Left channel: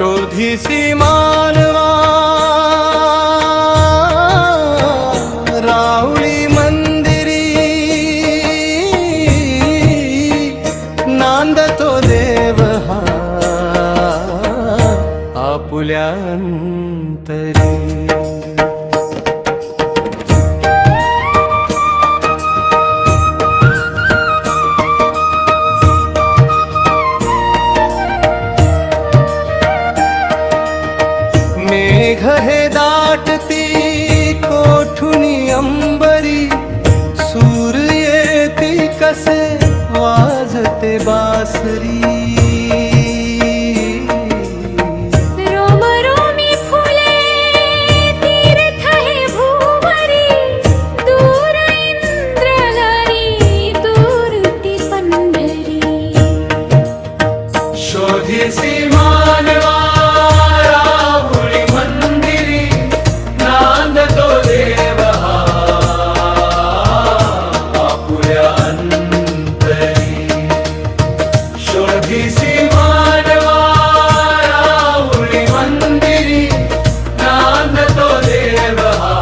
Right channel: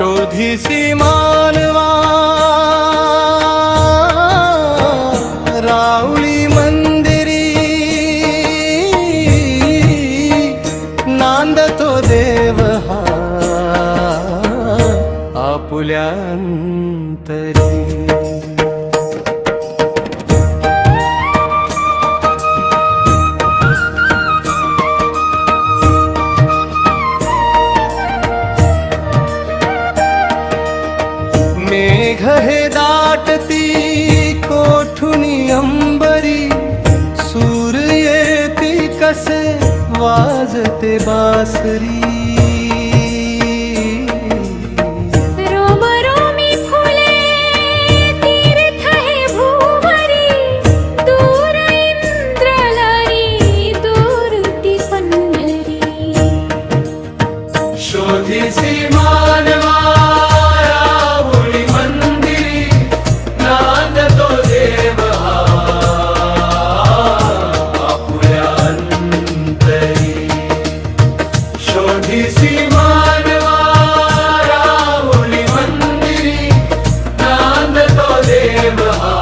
शोधिसी मानवा राऊळी मंदिरी नांदतो देव हा आपुल्या अंतरी। मेघ हे दाटती कोठुनी अंबरी सूर येती कसे वाजते बासरी। रोमरोमी फुले तीर्थ हे भूवरी दूर इंद्रलरी दूर ती पंढरी। शोधिसी मानवा शोधिसी मानवा राऊळी मंदिरी नांदतो देव हा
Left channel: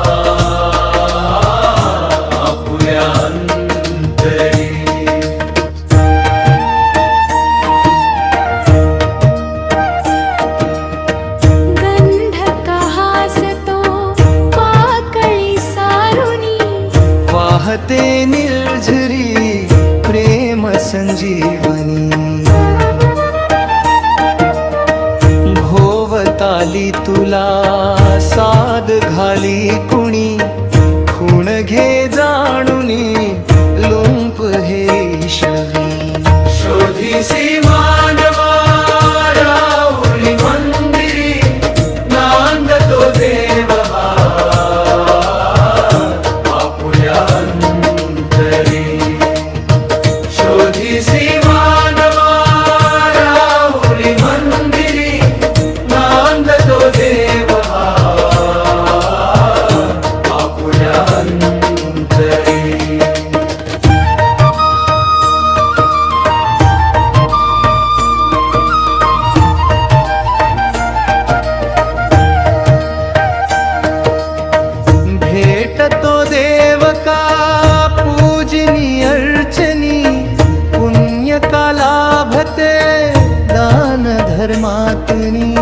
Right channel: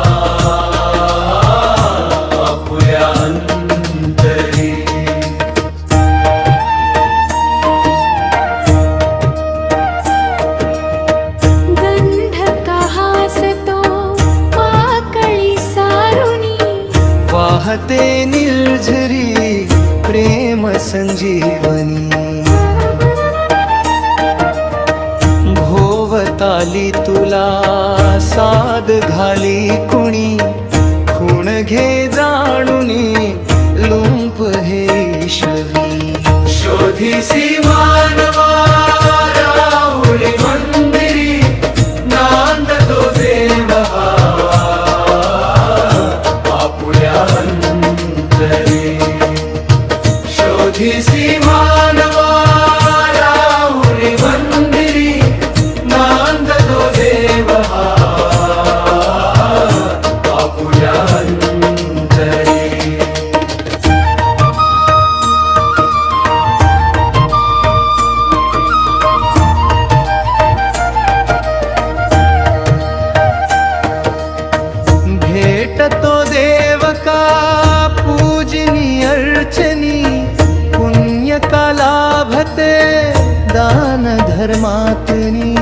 आपुल्या अंतरी। गंधक हासतो पाकळी सारुनी वाहते निर्झरी प्रेम संजीवनी। भोवताली तुला साद घाली कुणी खूण घे जाणुनी लुंप हे ईश्वरी। शोधिसी मानवा राऊळी मंदिरी नांदतो देव हा आपुल्या अंतरी। शोधिसी मानवा राऊळी मंदिरी नांदतो देव हा आपुल्या अंतरी। भेटतो देव का पूजनी अर्चनी पुण्य का लाभते दान धर्मातुनी।